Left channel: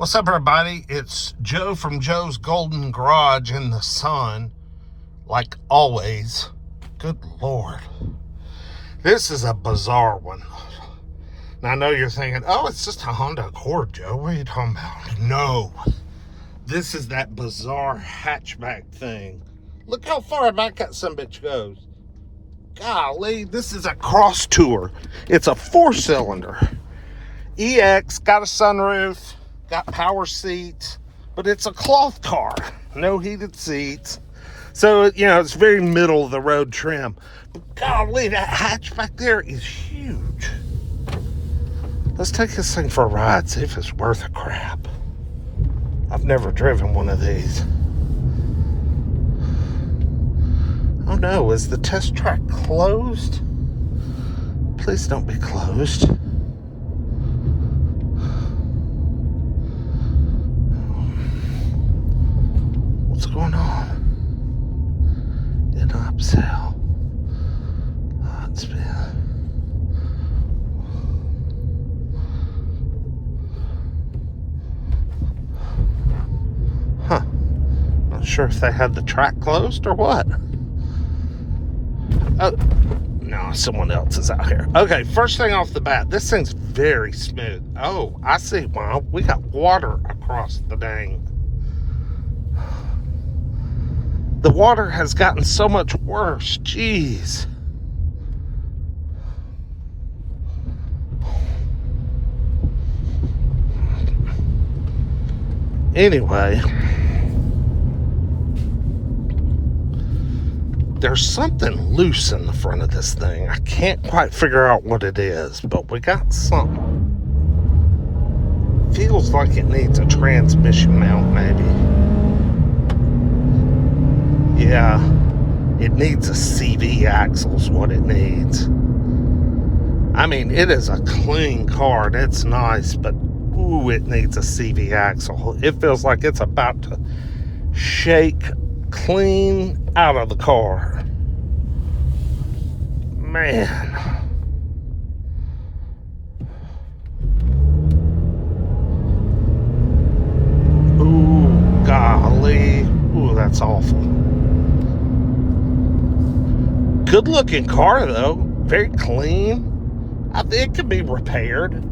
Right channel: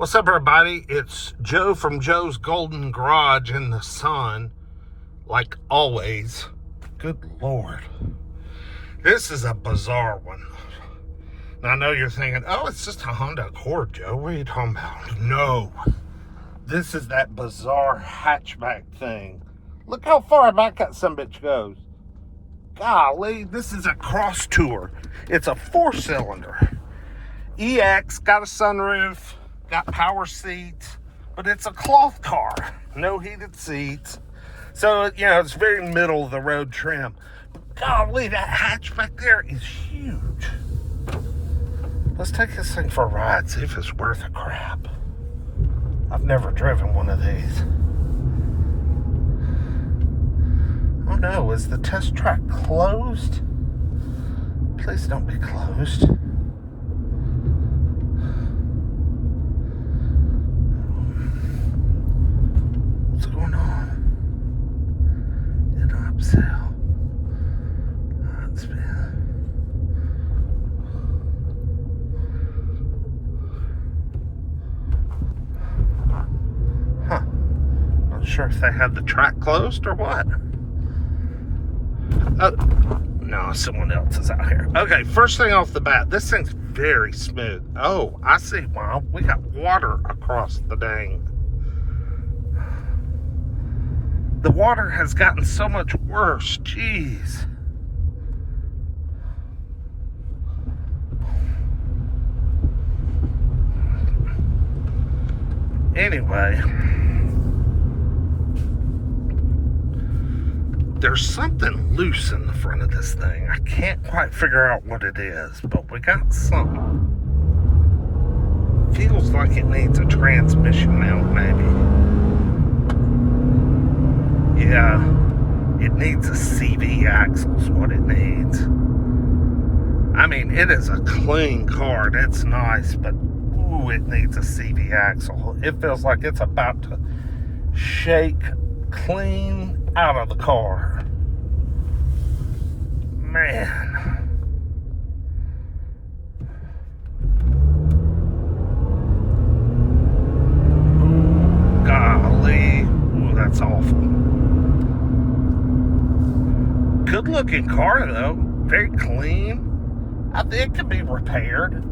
What's up, everybody? It's Joe from Joe's Golden Garage in the sun, like always. Good Lord. This is a bizarre one. Now, I know you're thinking, oh, it's just a Honda Accord, Joe. What are you talking about? No. This is that bizarre hatchback thing. Look how far back that sumbitch goes. Golly, this is a Crossstour. It's a 4-cylinder. EX, got a sunroof, got power seats, but it's a cloth car. No heated seats. So, you know, it's very middle of the road trim. But golly, that hatch back there is huge. Let's take this thing for a ride, see if it's worth a crap. I've never driven one of these. Oh no, is the test track closed? Please don't be closed. What's going on? In upsell. It's been. Huh. Not sure if they had the track closed or what. Oh, no, someone else is out here. Okay, first thing off the bat, this thing's very smooth. Oh, I see. Well, we got water across the dang. The water has gotten so much worse. Jeez. Anyway, there's something loose in the front of this thing. I can't quite figure out what it is, but we got something. Feels like it needs a transmission mount, maybe. Yeah, it needs a CV axle is what it needs. I mean, it is a clean car. It's nice, but ooh, it needs a CV axle. It feels like it's about to shake clean out of the car. Man. Ooh, golly. Ooh, that's awful. Good looking car though, very clean. I think it could be repaired.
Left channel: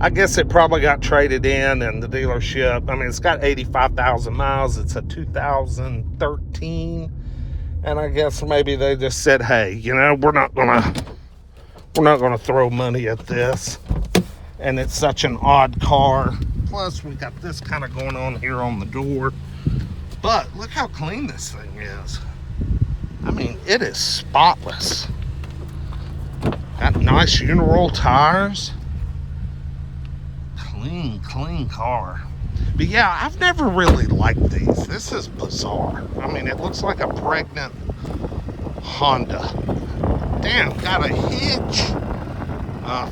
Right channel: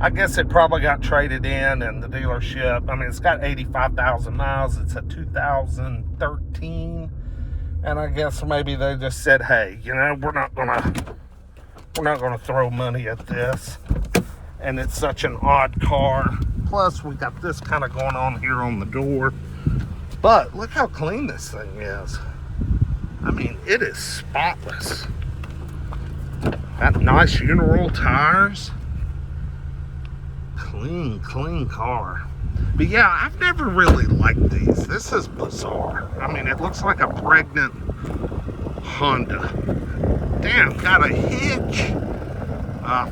I guess it probably got traded in the dealership. I mean, it's got 85,000 miles. It's a 2013, and I guess maybe they just said, "Hey, you know, we're not gonna throw money at this." And it's such an odd car. Plus, we got this kind of going on here on the door. But look how clean this thing is. I mean, it is spotless. Got nice Uniroyal tires. Clean car. But yeah, I've never really liked these. This is bizarre. I mean, it looks like a pregnant Honda. Damn, got a hitch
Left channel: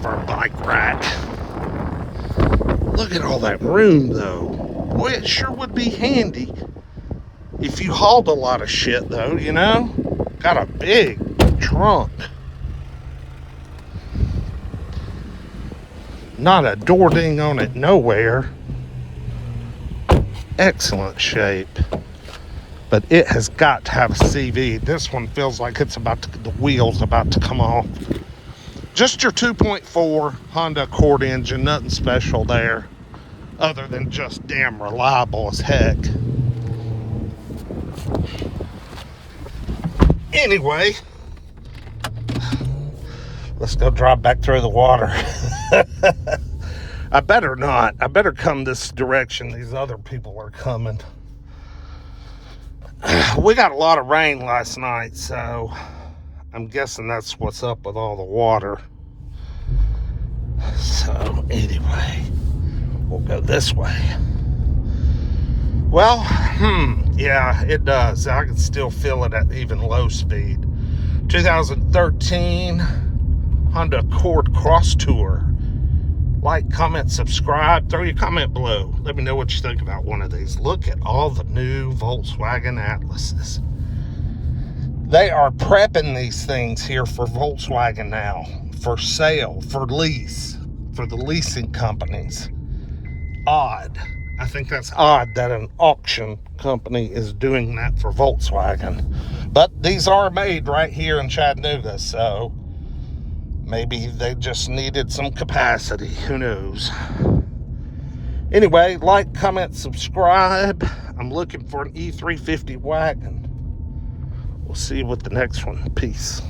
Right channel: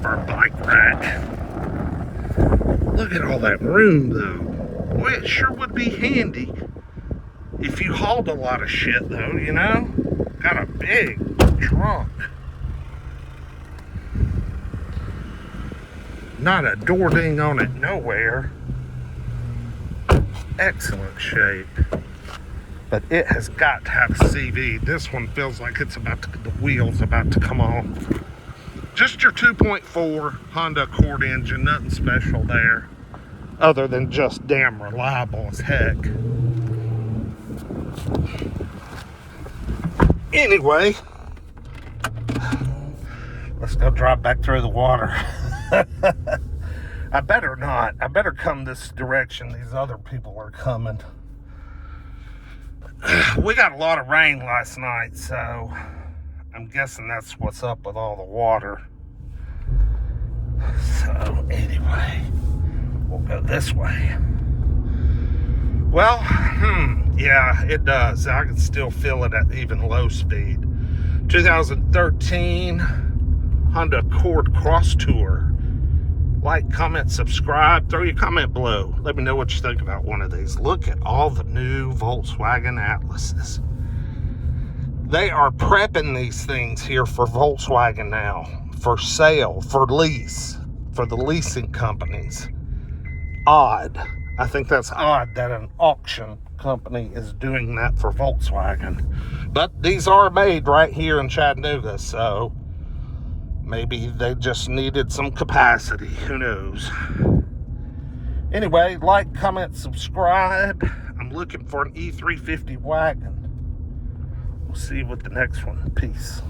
for a bike rack. Look at all that room, though. Boy, it sure would be handy if you hauled a lot of shit, though, you know? Got a big trunk. Not a door ding on it nowhere. Excellent shape. But it has got to have a CV. This one feels like it's about to, the wheel's about to come off. Just your 2.4 Honda Accord engine, nothing special there. Other than just damn reliable as heck. Anyway, let's go drive back through the water. I better not. I better come this direction. These other people are coming. We got a lot of rain last night, so I'm guessing that's what's up with all the water. So anyway, we'll go this way. Well, yeah, it does. I can still feel it at even low speed. 2013 Honda Accord Crossstour. Like, comment, subscribe, throw your comment below. Let me know what you think about one of these. Look at all the new Volkswagen Atlases. They are prepping these things here for Volkswagen now, for sale, for lease, for the leasing companies. Odd. I think that's odd that an auction company is doing that for Volkswagen. But these are made right here in Chattanooga, so maybe they just needed some capacity. Who knows? Anyway, like, comment, subscribe. I'm looking for an E350 wagon. We'll see you with the next one. Peace.